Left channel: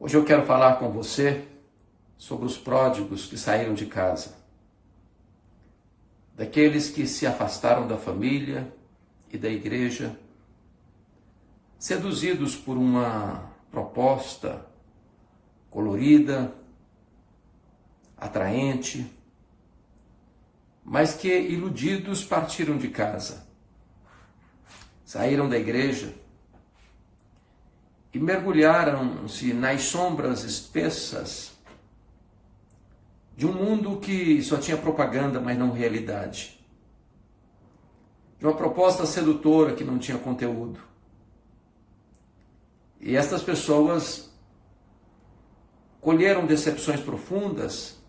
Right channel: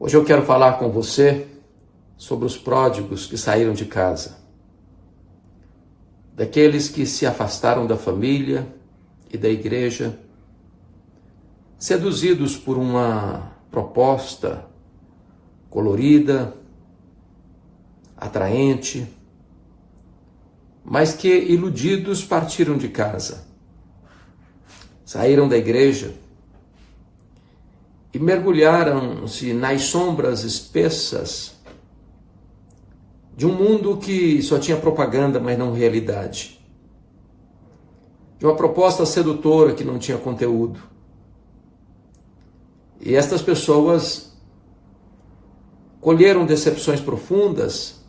Hoje eu quero falar com você sobre os pródigos que saíram de casa, daqueles que se afastaram da família e da igreja, seduzidos por uma proposta colorida, atraente, mas que, iludidos, partiram de casa, saíram da igreja e mergulharam-se nas sombras espessas de um mundo que só tinha propaganda, mas não realidade. De uma proposta sedutora que não tinha conteúdo. E estas pessoas colheram decepções profundas,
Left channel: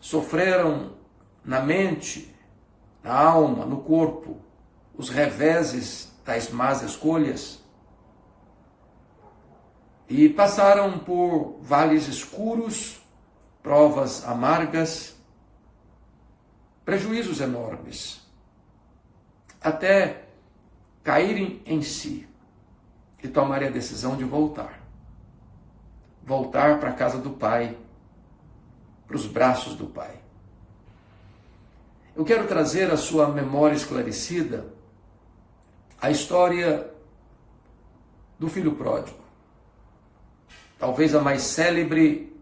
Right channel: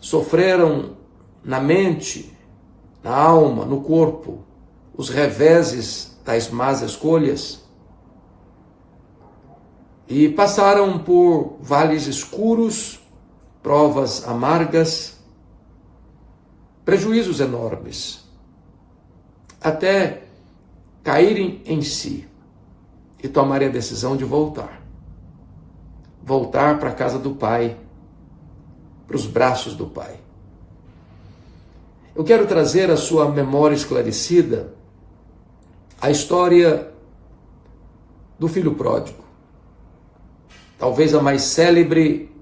sofreram na mente, na alma, no corpo, os reveses das más escolhas e passaram por vales escuros, provas amargas, prejuízos enormes, até caírem em si e tomarem a decisão de voltar para a casa do Pai, para os braços do Pai. Eu quero trazer à sua memória esclarecida a história do filho pródigo, talvez a mais célebre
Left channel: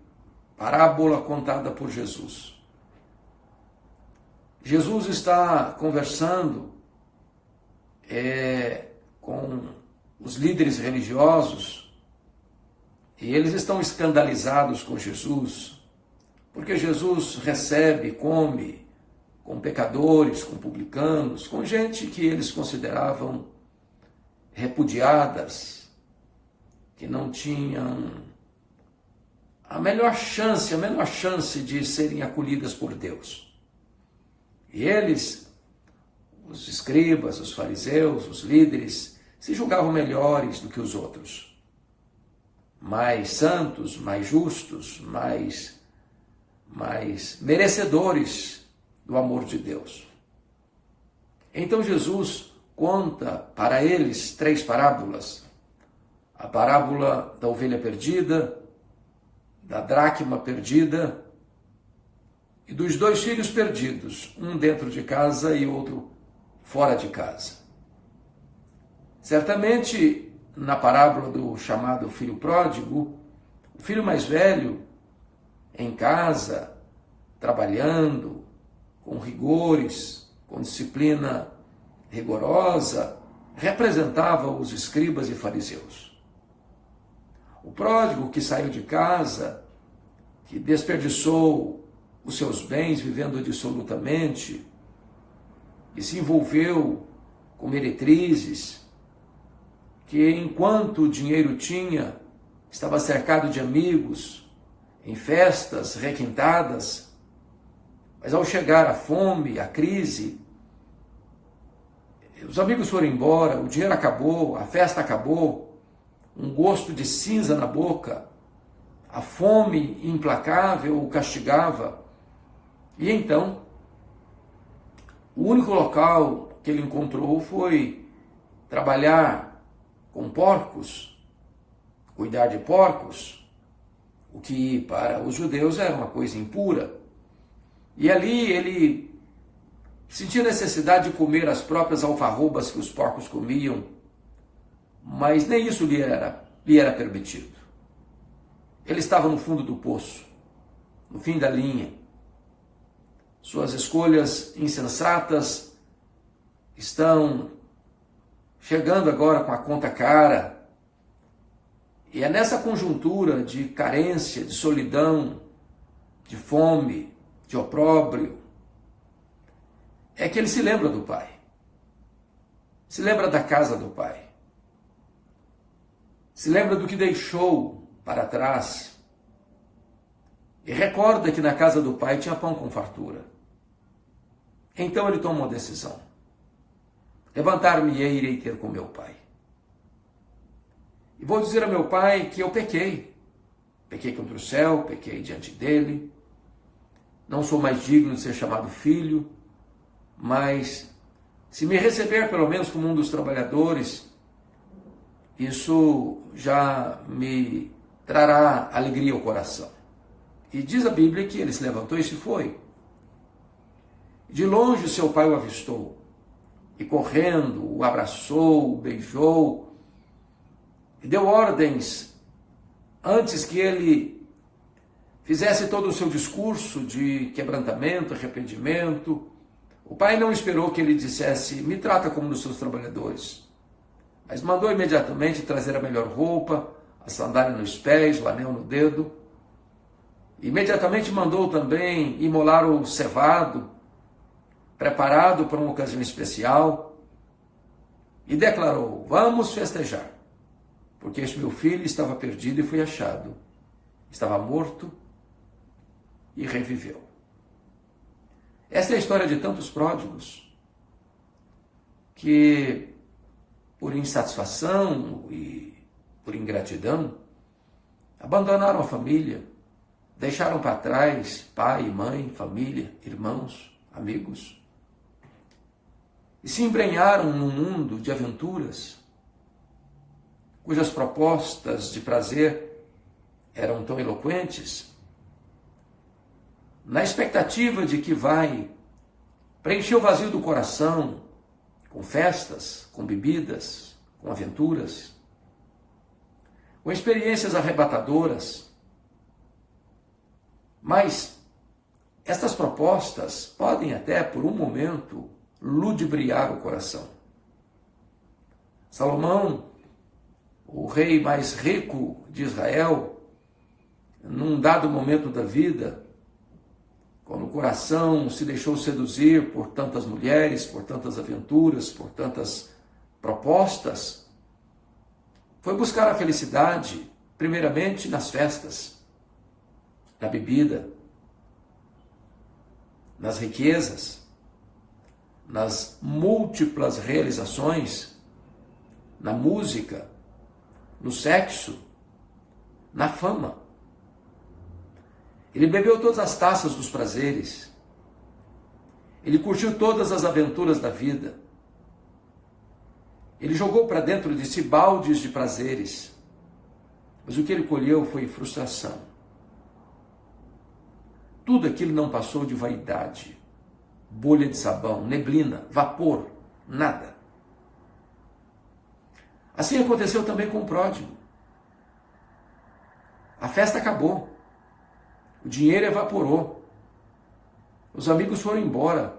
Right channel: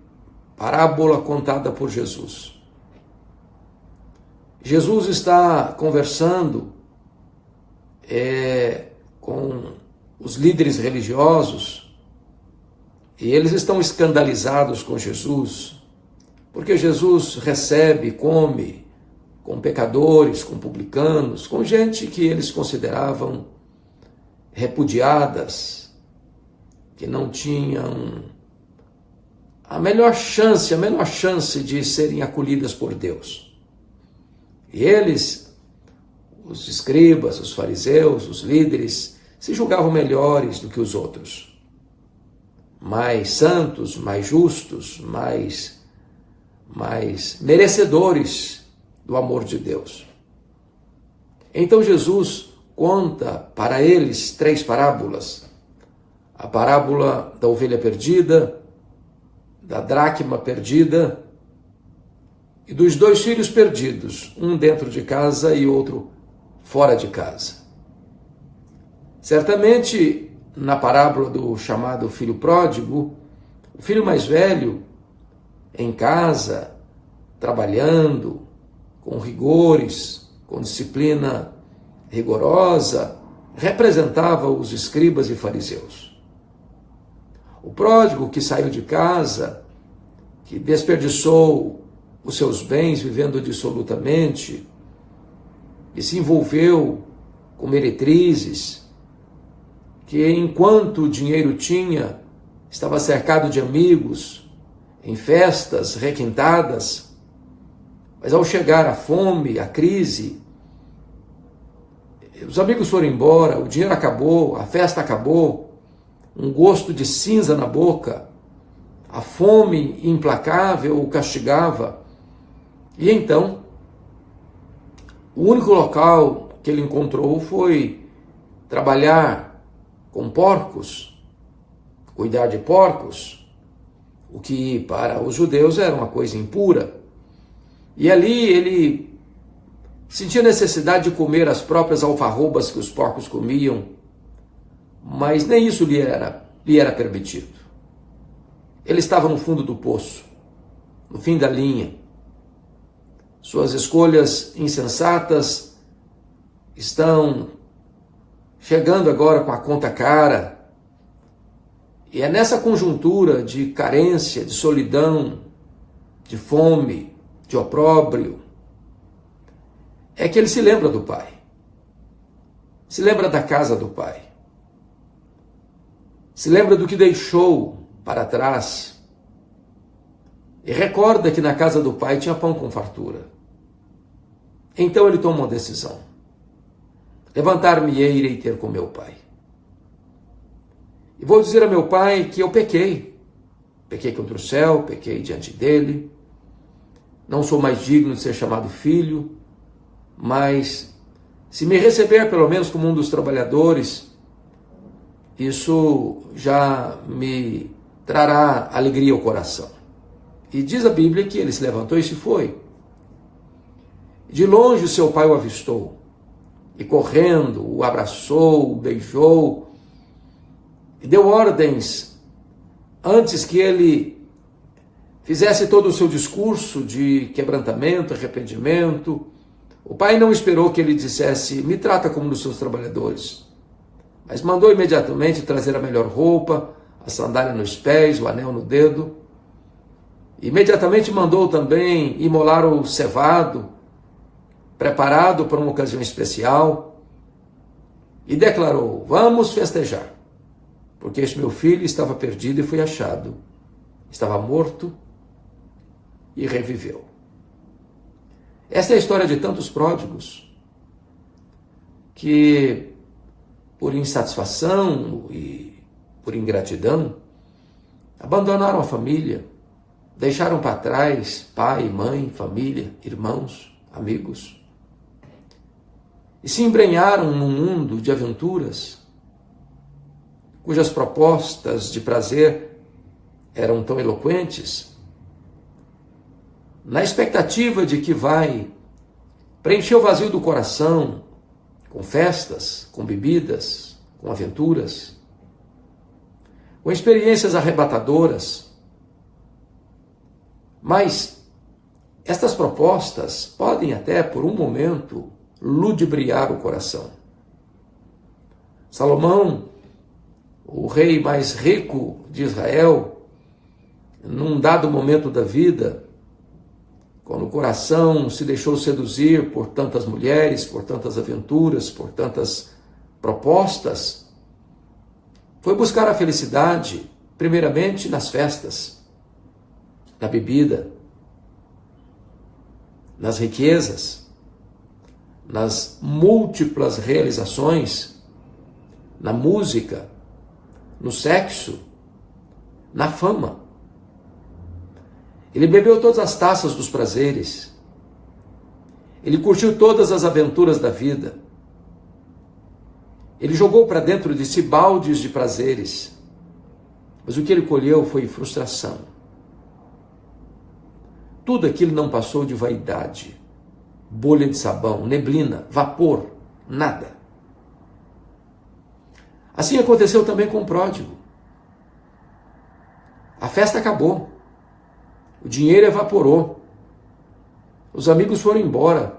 parábola contada por Jesus. Jesus está conversando com os líderes religiosos e eles estão escandalizados com Jesus, porque Jesus recebe, come com pecadores, com publicanos, com gente que eles consideravam repudiadas, que não tinham a menor chance de serem acolhidas por Deus. E eles, os escribas, os fariseus, os líderes, se julgavam melhores do que os outros, mais santos, mais justos, mais merecedores do amor de Deus. Então Jesus conta para eles 3 parábolas. A parábola da ovelha perdida, da dracma perdida e dos 2 filhos perdidos, um dentro de casa e outro fora de casa. Certamente, na parábola do chamado filho pródigo, o filho mais velho, em casa, trabalhando, com rigores, com disciplina rigorosa, representava os escribas e fariseus. O pródigo que saiu de casa, que desperdiçou os seus bens vivendo dissolutamente, e se envolveu com meretrizes, que enquanto o dinheiro tinha, estava cercado de amigos, em festas requintadas, mas ao chegar a fome, a crise, os amigos foram embora, o dinheiro acabou, a festa acabou, um gosto de cinza na boca, a fome implacável o castigava. E então, o único local que ele encontrou foi trabalhar com porcos, cuidar de porcos, o que para os judeus era uma coisa impura. E ali ele sentia necessidade de comer as próprias alfarrobas que os porcos comiam, mas nem isso lhe era permitido. Ele estava no fundo do poço, no fim da linha. Suas escolhas insensatas estão chegando agora com a conta cara. E é nessa conjuntura de carência, de solidão, de fome, de opróbrio, é que ele se lembra do Pai. Se lembra da casa do Pai. Se lembra do que deixou para trás. E recorda que na casa do Pai tinha pão com fartura. Então ele toma uma decisão. Levantar-me-ei e irei ter com meu Pai. E vou dizer a meu Pai que eu pequei. Pequei contra o céu, pequei diante dele. Não sou mais digno de ser chamado filho, mas se me receber pelo menos como um dos trabalhadores, isso já me trará alegria ao coração. E diz a Bíblia que ele se levantou e se foi. De longe seu pai o avistou, e correndo o abraçou, o beijou, e deu ordens antes que ele fizesse todo o seu discurso de quebrantamento, arrependimento. O pai não esperou que ele dissesse: me trata como um dos seus trabalhadores, mas mandou imediatamente trazer a melhor roupa, a sandália nos pés, o anel no dedo. Imediatamente mandou também imolar o cevado, preparado para uma ocasião especial, e declarou: vamos festejar, porque este meu filho estava perdido e foi achado, estava morto e reviveu. Essa é a história de tantos pródigos que, por insatisfação e por ingratidão, abandonaram a família, deixaram para trás pai, mãe, família, irmãos, amigos, e se embrenharam num mundo de aventuras, cujas propostas de prazer eram tão eloquentes, na expectativa de que vai preencher o vazio do coração com festas, com bebidas, com aventuras, com experiências arrebatadoras. Mas estas propostas podem até, por um momento, ludibriar o coração. Salomão, o rei mais rico de Israel, num dado momento da vida, quando o coração se deixou seduzir por tantas mulheres, por tantas aventuras, por tantas propostas, foi buscar a felicidade, primeiramente nas festas, na bebida, nas riquezas, nas múltiplas realizações, na música, no sexo, na fama. Ele bebeu todas as taças dos prazeres. Ele curtiu todas as aventuras da vida. Ele jogou para dentro de si baldes de prazeres. Mas o que ele colheu foi frustração. Tudo aquilo não passou de vaidade, bolha de sabão, neblina, vapor, nada. Assim aconteceu também com o pródigo. A festa acabou. O dinheiro evaporou. Os amigos foram embora.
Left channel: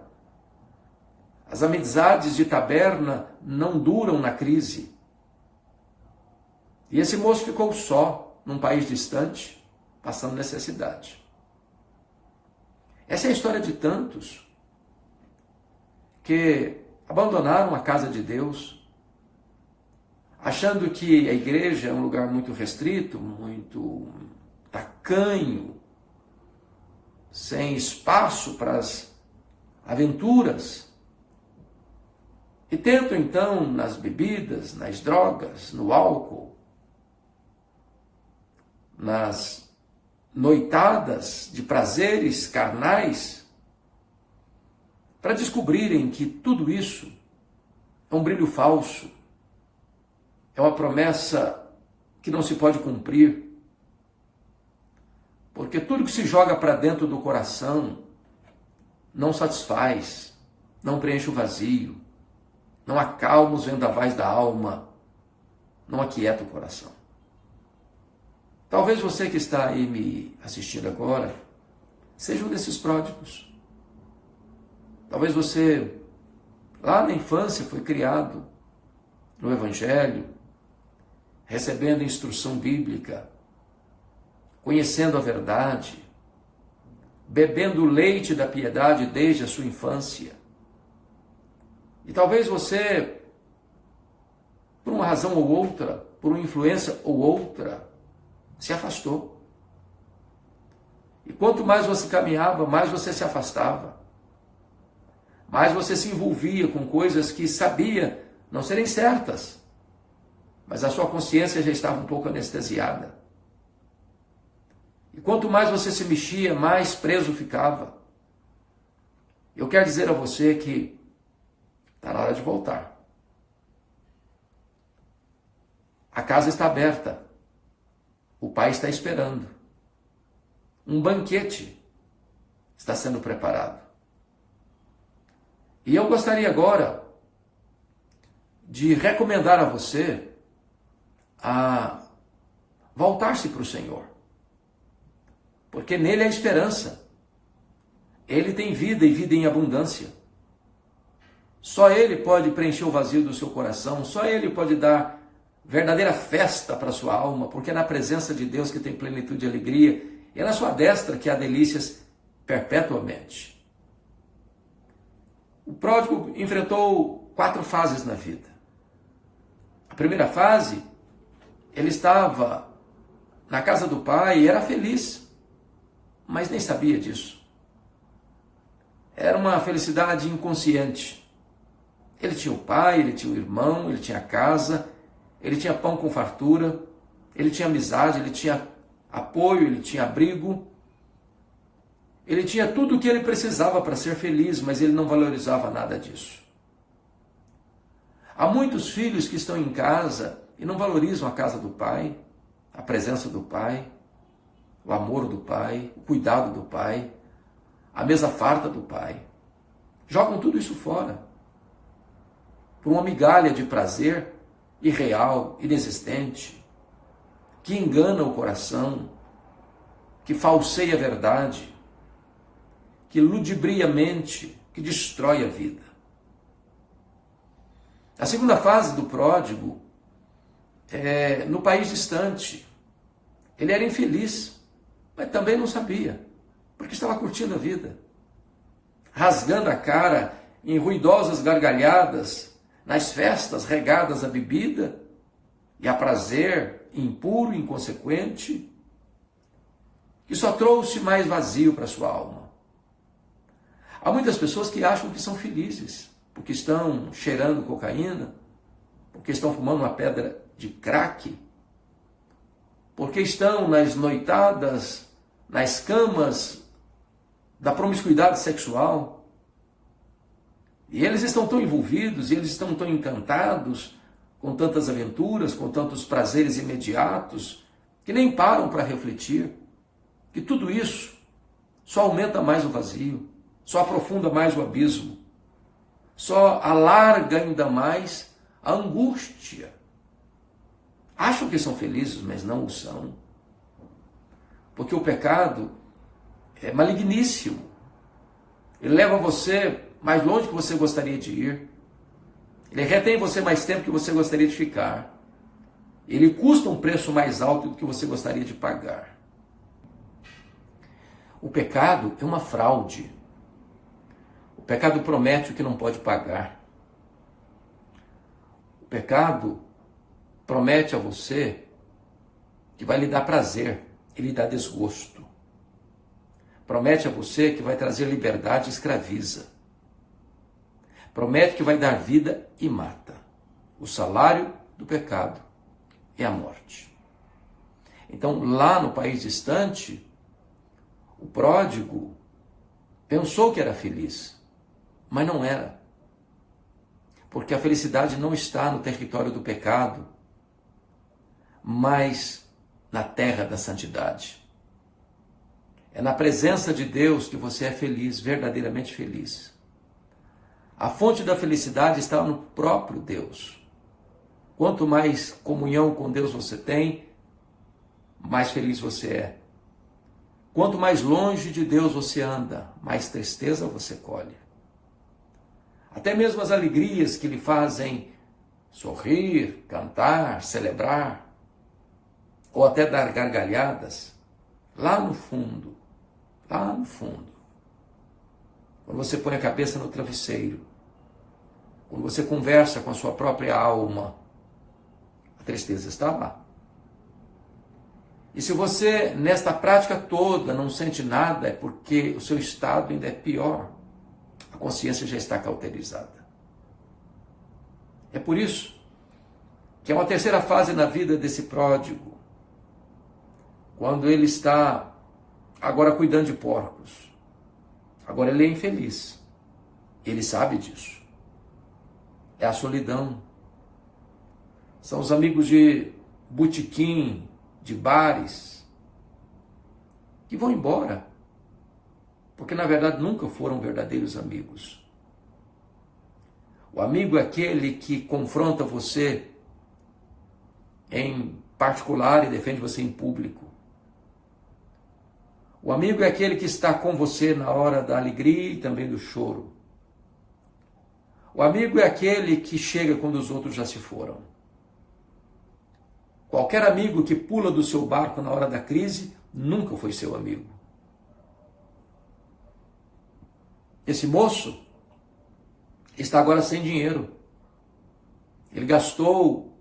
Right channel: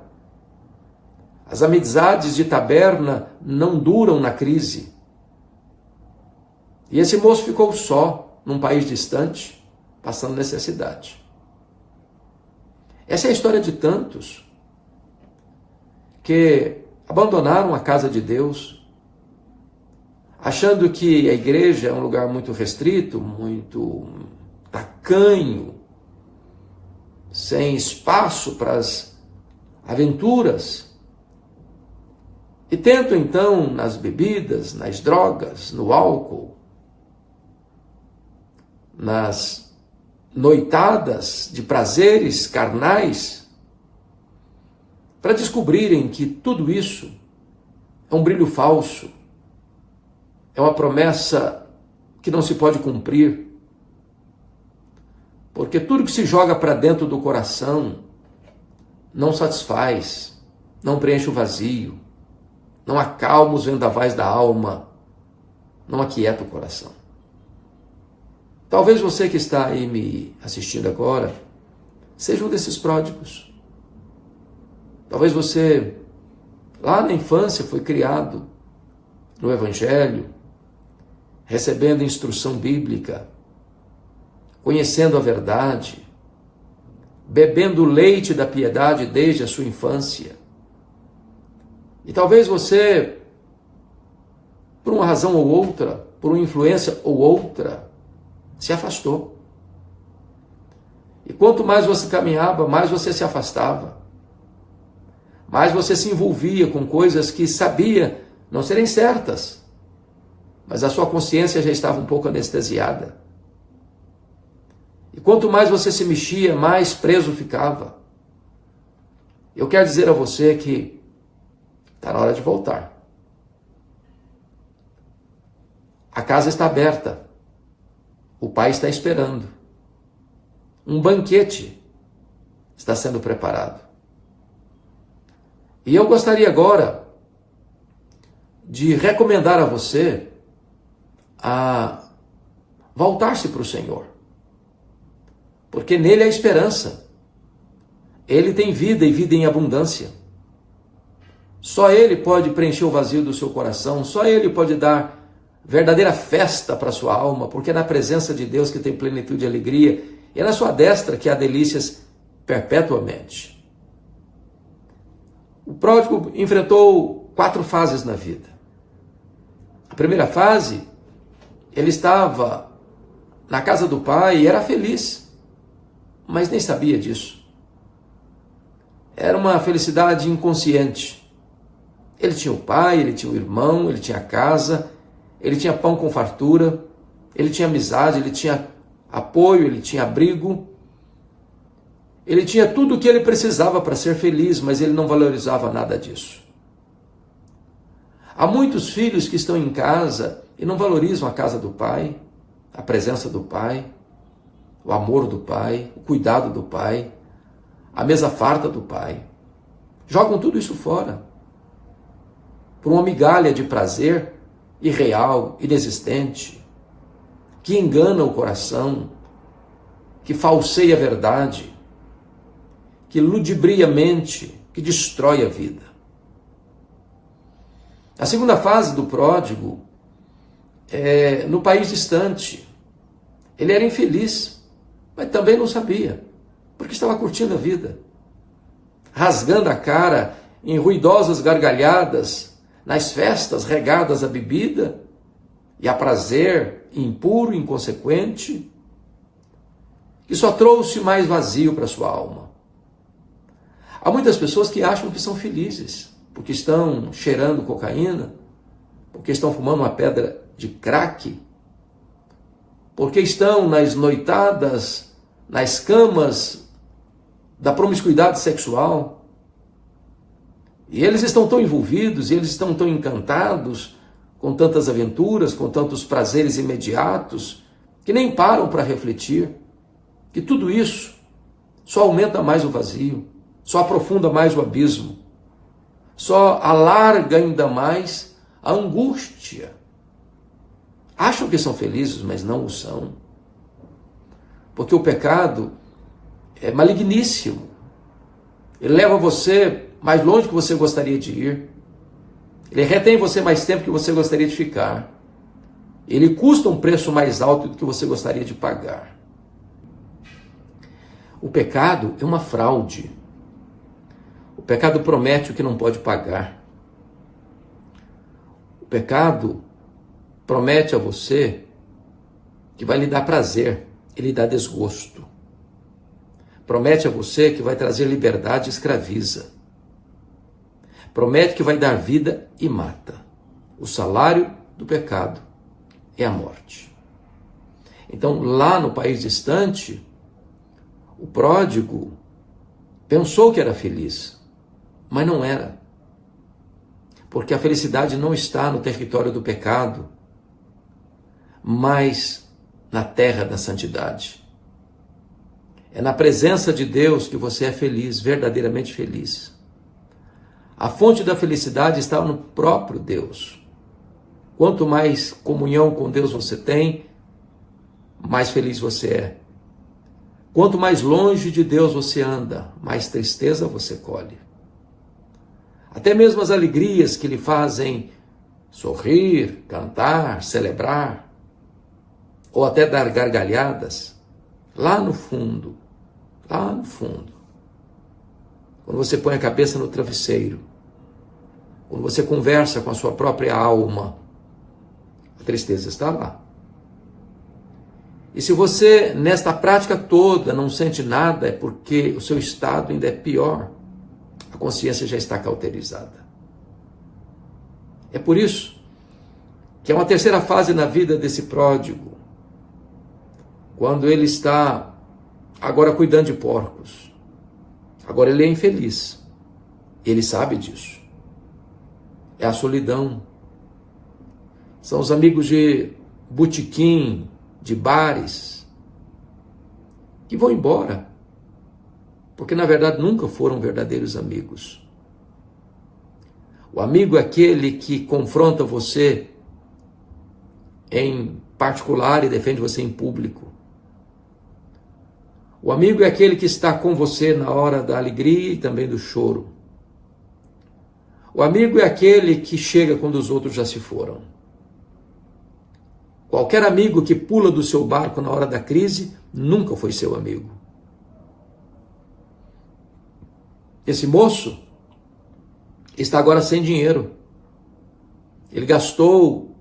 As amizades de taberna não duram na crise. E esse moço ficou só, num país distante, passando necessidade. Essa é a história de tantos que abandonaram a casa de Deus, achando que a igreja é um lugar muito restrito, muito tacanho, sem espaço para as aventuras, e tentam então nas bebidas, nas drogas, no álcool, nas noitadas de prazeres carnais, para descobrirem que tudo isso é um brilho falso, é uma promessa que não se pode cumprir. Porque tudo que se joga para dentro do coração não satisfaz, não preenche o vazio, não acalma os vendavais da alma, não aquieta o coração. Talvez você que está aí me assistindo agora seja um desses pródigos. Talvez você, lá na infância, foi criado no Evangelho, recebendo instrução bíblica, conhecendo a verdade, bebendo o leite da piedade desde a sua infância. E talvez você, por uma razão ou outra, por uma influência ou outra, se afastou. E quanto mais você caminhava, mais você se afastava. Mais você se envolvia com coisas que sabia não serem certas, mas a sua consciência já estava um pouco anestesiada. E quanto mais você se mexia, mais preso ficava. Eu quero dizer a você que está na hora de voltar. A casa está aberta. O pai está esperando. Um banquete está sendo preparado. E eu gostaria agora de recomendar a você a voltar-se para o Senhor. Porque nele há esperança. Ele tem vida e vida em abundância. Só Ele pode preencher o vazio do seu coração. Só Ele pode dar verdadeira festa para a sua alma. Porque é na presença de Deus que tem plenitude e alegria. E é na sua destra que há delícias perpetuamente. O pródigo enfrentou 4 fases na vida. A primeira fase, ele estava na casa do pai e era feliz, mas nem sabia disso. Era uma felicidade inconsciente. Ele tinha o pai, ele tinha o irmão, ele tinha a casa, ele tinha pão com fartura, ele tinha amizade, ele tinha apoio, ele tinha abrigo. Ele tinha tudo o que ele precisava para ser feliz, mas ele não valorizava nada disso. Há muitos filhos que estão em casa e não valorizam a casa do pai, a presença do pai, o amor do pai, o cuidado do pai, a mesa farta do pai. Jogam tudo isso fora por uma migalha de prazer irreal, inexistente, que engana o coração, que falseia a verdade, que ludibria a mente, que destrói a vida. A segunda fase do pródigo é no país distante. Ele era infeliz, mas também não sabia, porque estava curtindo a vida, rasgando a cara em ruidosas gargalhadas, nas festas regadas a bebida e a prazer impuro, inconsequente, que só trouxe mais vazio para sua alma. Há muitas pessoas que acham que são felizes, porque estão cheirando cocaína, porque estão fumando uma pedra de crack, porque estão nas noitadas, nas camas da promiscuidade sexual. E eles estão tão envolvidos, e eles estão tão encantados com tantas aventuras, com tantos prazeres imediatos, que nem param para refletir que tudo isso só aumenta mais o vazio, só aprofunda mais o abismo, só alarga ainda mais a angústia. Acham que são felizes, mas não o são. Porque o pecado é maligníssimo. Ele leva você mais longe que você gostaria de ir. Ele retém você mais tempo que você gostaria de ficar. Ele custa um preço mais alto do que você gostaria de pagar. O pecado é uma fraude. O pecado promete o que não pode pagar. O pecado promete a você que vai lhe dar prazer e lhe dar desgosto. Promete a você que vai trazer liberdade e escraviza. Promete que vai dar vida e mata. O salário do pecado é a morte. Então, lá no país distante, o pródigo pensou que era feliz, mas não era. Porque a felicidade não está no território do pecado, mas na terra da santidade. É na presença de Deus que você é feliz, verdadeiramente feliz. A fonte da felicidade está no próprio Deus. Quanto mais comunhão com Deus você tem, mais feliz você é. Quanto mais longe de Deus você anda, mais tristeza você colhe. Até mesmo as alegrias que lhe fazem sorrir, cantar, celebrar, ou até dar gargalhadas, lá no fundo, quando você põe a cabeça no travesseiro, quando você conversa com a sua própria alma, a tristeza está lá. E se você, nesta prática toda, não sente nada, é porque o seu estado ainda é pior. A consciência já está cauterizada. É por isso que é uma terceira fase na vida desse pródigo, quando ele está agora cuidando de porcos. Agora ele é infeliz. Ele sabe disso. É a solidão. São os amigos de botequim, de bares, que vão embora, porque na verdade nunca foram verdadeiros amigos. O amigo é aquele que confronta você em particular e defende você em público. O amigo é aquele que está com você na hora da alegria e também do choro. O amigo é aquele que chega quando os outros já se foram. Qualquer amigo que pula do seu barco na hora da crise nunca foi seu amigo. Esse moço está agora sem dinheiro. Ele gastou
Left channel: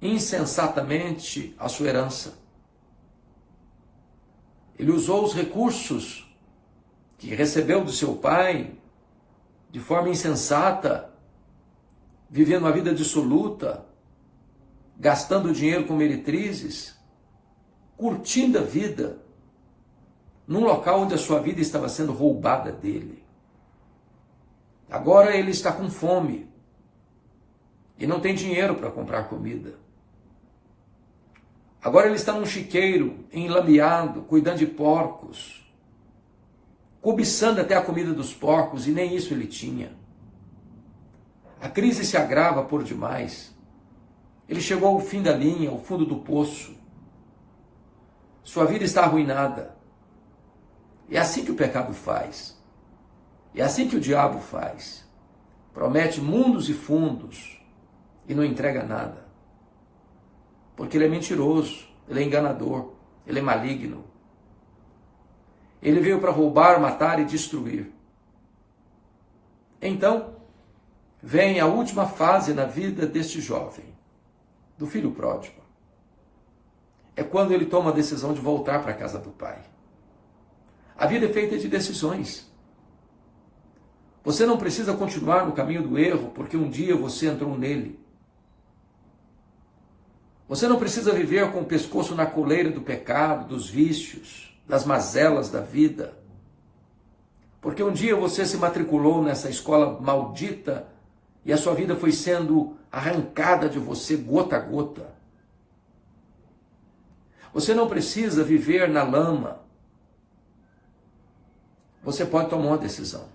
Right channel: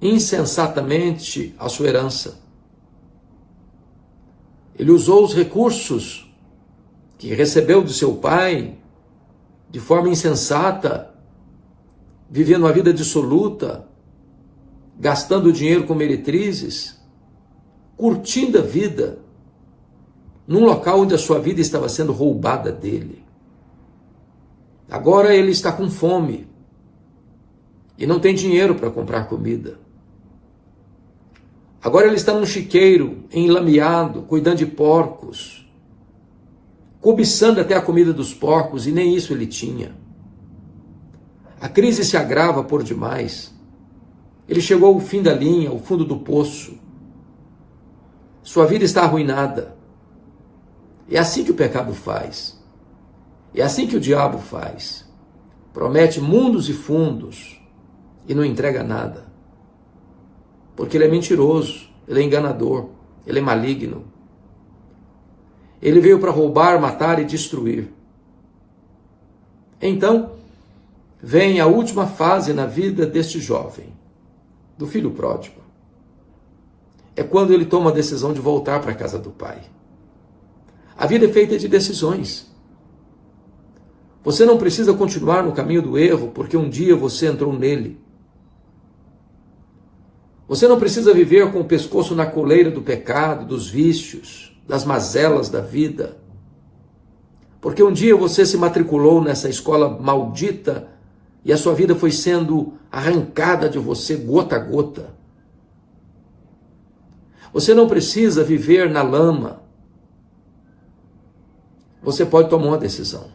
insensatamente a sua herança. Ele usou os recursos que recebeu do seu pai de forma insensata, vivendo uma vida dissoluta, gastando dinheiro com meretrizes, curtindo a vida, num local onde a sua vida estava sendo roubada dele. Agora ele está com fome e não tem dinheiro para comprar comida. Agora ele está num chiqueiro, enlameado, cuidando de porcos, cobiçando até a comida dos porcos, e nem isso ele tinha. A crise se agrava por demais. Ele chegou ao fim da linha, ao fundo do poço. Sua vida está arruinada. É assim que o pecado faz. É assim que o diabo faz. Promete mundos e fundos e não entrega nada. Porque ele é mentiroso, ele é enganador, ele é maligno. Ele veio para roubar, matar e destruir. Então, vem a última fase na vida deste jovem, do filho pródigo. É quando ele toma a decisão de voltar para a casa do pai. A vida é feita de decisões. Você não precisa continuar no caminho do erro porque um dia você entrou nele. Você não precisa viver com o pescoço na coleira do pecado, dos vícios, das mazelas da vida, porque um dia você se matriculou nessa escola maldita e a sua vida foi sendo arrancada de você gota a gota. Você não precisa viver na lama. Você pode tomar uma decisão.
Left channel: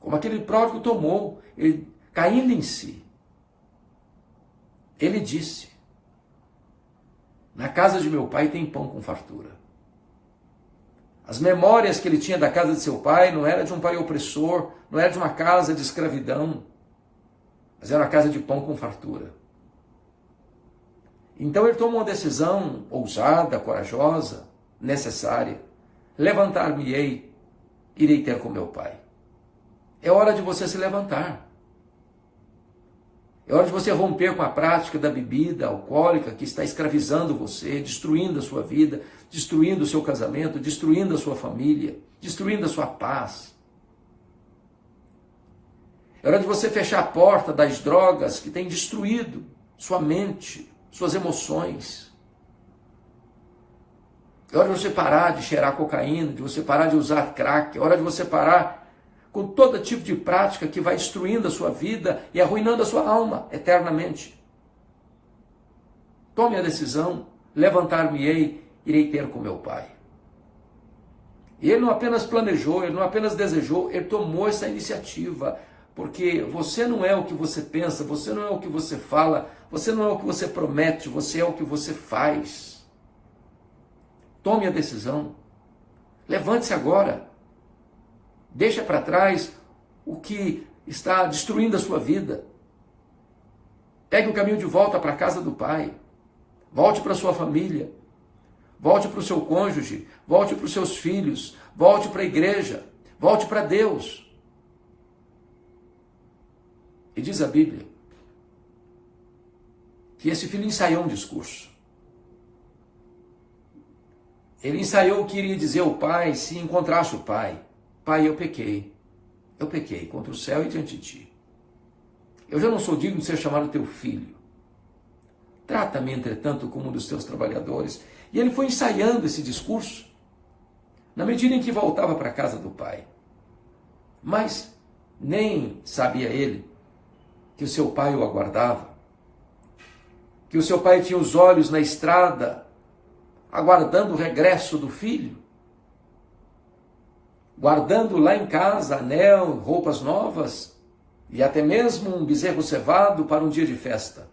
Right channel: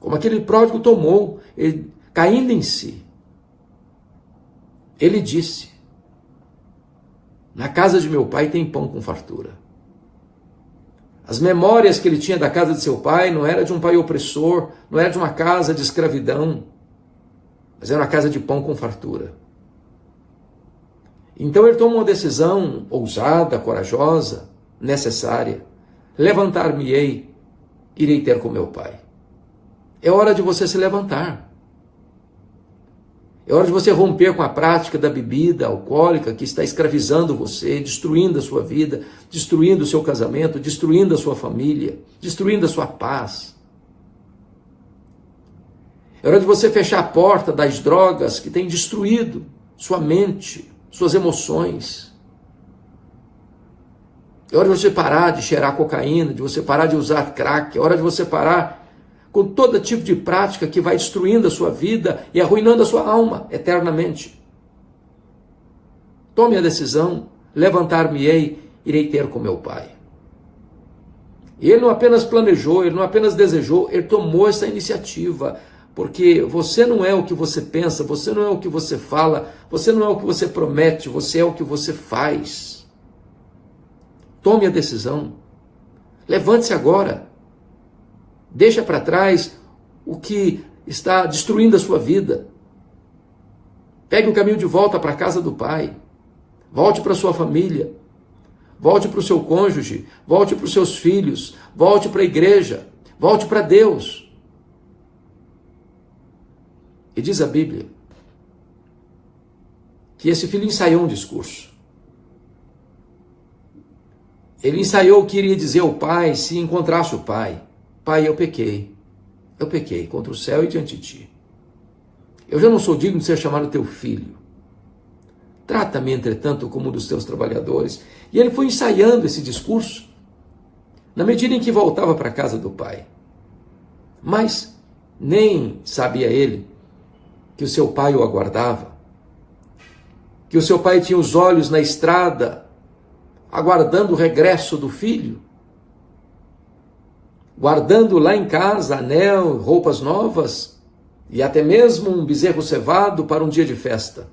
Como aquele pródigo tomou, ele, caindo em si. Ele disse: na casa de meu pai tem pão com fartura. As memórias que ele tinha da casa de seu pai não era de um pai opressor, não era de uma casa de escravidão, mas era uma casa de pão com fartura. Então ele tomou uma decisão ousada, corajosa, necessária. Levantar-me-ei, irei ter com meu pai. É hora de você se levantar. É hora de você romper com a prática da bebida alcoólica que está escravizando você, destruindo a sua vida, destruindo o seu casamento, destruindo a sua família, destruindo a sua paz. É hora de você fechar a porta das drogas que têm destruído sua mente, suas emoções. É hora de você parar de cheirar cocaína, de você parar de usar crack, é hora de você parar com todo tipo de prática que vai destruindo a sua vida e arruinando a sua alma eternamente. Tome a decisão, levantar-me-ei, irei ter com meu pai. E ele não apenas planejou, ele não apenas desejou, ele tomou essa iniciativa, porque você não é o que você pensa, você não é o que você fala, você não é o que você promete, você é o que você faz. Tome a decisão, levante-se agora. Deixa para trás o que está destruindo a sua vida. Pegue o caminho de volta para a casa do pai. Volte para a sua família. Volte para o seu cônjuge. Volte para os seus filhos. Volte para a igreja. Volte para Deus. E diz a Bíblia que esse filho ensaiou um discurso. Ele ensaiou o que iria dizer ao pai se encontrasse o pai. Pai, eu pequei contra o céu e diante de ti. Eu já não sou digno de ser chamado teu filho. Trata-me, entretanto, como um dos teus trabalhadores. E ele foi ensaiando esse discurso na medida em que voltava para a casa do pai. Mas nem sabia ele que o seu pai o aguardava, que que o seu pai tinha os olhos na estrada, aguardando o regresso do filho, guardando lá em casa anel, roupas novas e até mesmo um bezerro cevado para um dia de festa.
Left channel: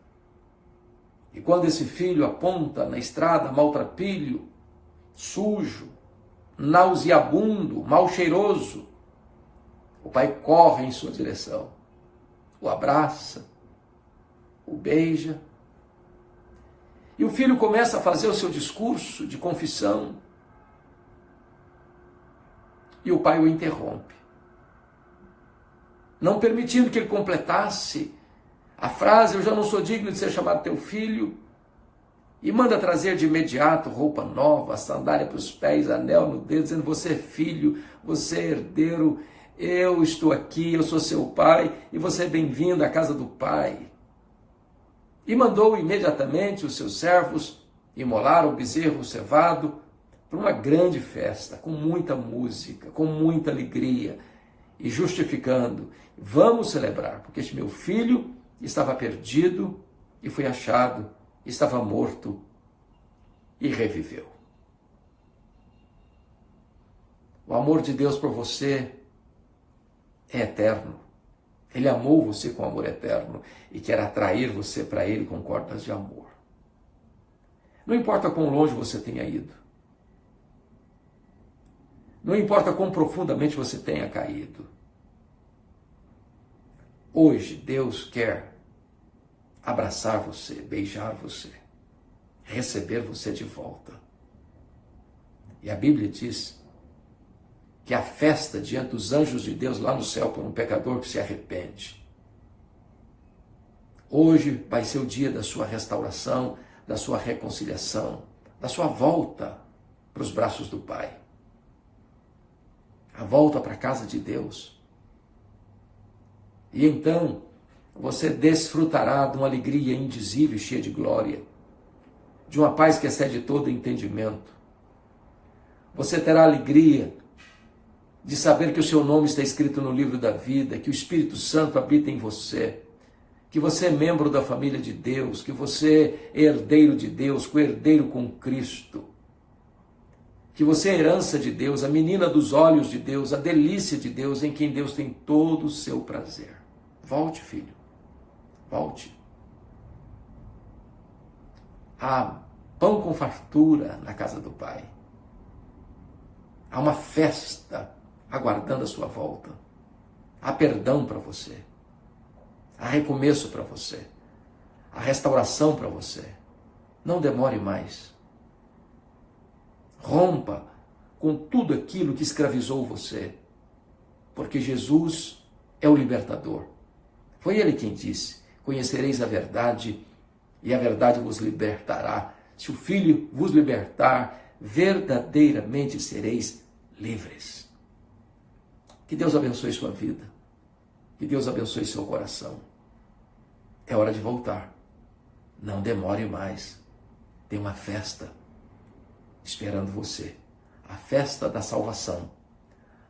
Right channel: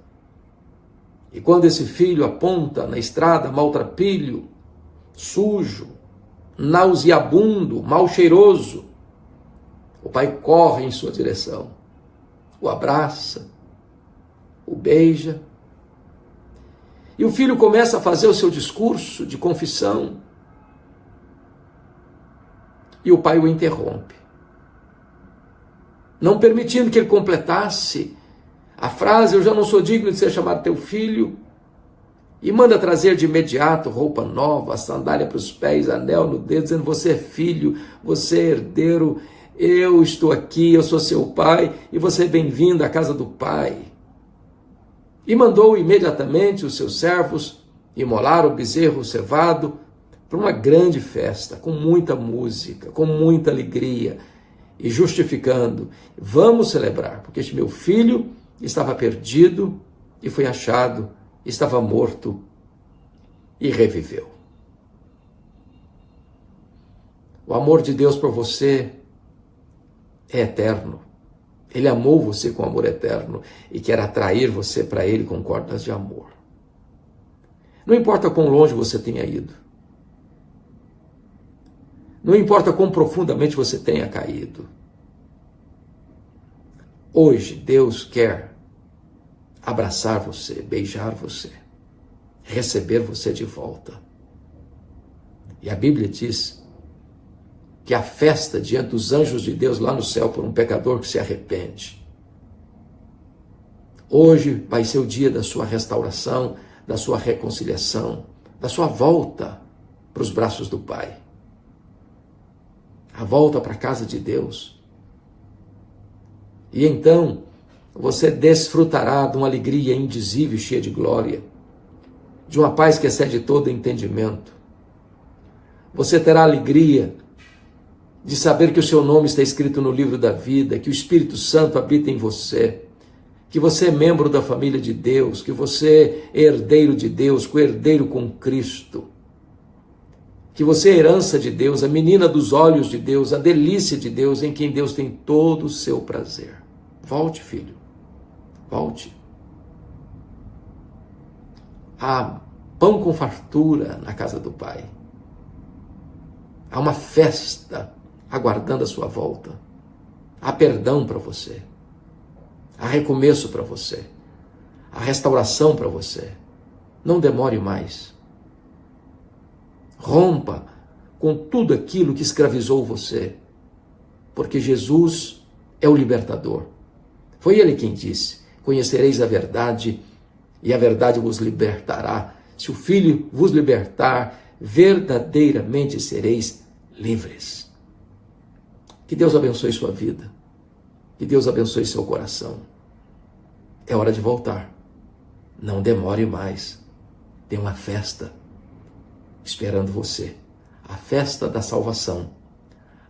E quando esse filho aponta na estrada maltrapilho, sujo, nauseabundo, mal cheiroso, o pai corre em sua direção, o abraça, o beija, e o filho começa a fazer o seu discurso de confissão, e o pai o interrompe, não permitindo que ele completasse a frase: eu já não sou digno de ser chamado teu filho, e manda trazer de imediato roupa nova, sandália para os pés, anel no dedo, dizendo: você é filho, você é herdeiro, eu estou aqui, eu sou seu pai, e você é bem-vindo à casa do pai. E mandou imediatamente os seus servos imolar o bezerro cevado para uma grande festa, com muita música, com muita alegria, e justificando: vamos celebrar, porque este meu filho estava perdido e foi achado, estava morto e reviveu. O amor de Deus por você é eterno. Ele amou você com amor eterno e quer atrair você para Ele com cordas de amor. Não importa quão longe você tenha ido. Não importa quão profundamente você tenha caído. Hoje Deus quer abraçar você, beijar você, receber você de volta. E a Bíblia diz que a festa diante dos anjos de Deus lá no céu por um pecador que se arrepende. Hoje vai ser o dia da sua restauração, da sua reconciliação, da sua volta para os braços do Pai. A volta para a casa de Deus. E então você desfrutará de uma alegria indizível e cheia de glória, de uma paz que excede todo entendimento. Você terá alegria de saber que o seu nome está escrito no livro da vida, que o Espírito Santo habita em você, que você é membro da família de Deus, que você é herdeiro de Deus, co-herdeiro com Cristo, que você é herança de Deus, a menina dos olhos de Deus, a delícia de Deus, em quem Deus tem todo o seu prazer. Volte, filho, volte. Há pão com fartura na casa do Pai. Há uma festa aguardando a sua volta. Há perdão para você. Há recomeço para você. Há restauração para você. Não demore mais. Rompa com tudo aquilo que escravizou você, porque Jesus é o libertador. Foi Ele quem disse: conhecereis a verdade e a verdade vos libertará. Se o Filho vos libertar, verdadeiramente sereis livres. Que Deus abençoe sua vida. Que Deus abençoe seu coração. É hora de voltar. Não demore mais. Tem uma festa esperando você. A festa da salvação.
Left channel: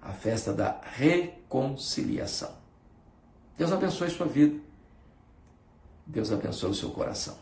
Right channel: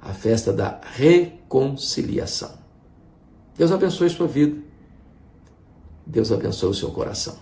A festa da reconciliação. Deus abençoe sua vida. Deus abençoe o seu coração.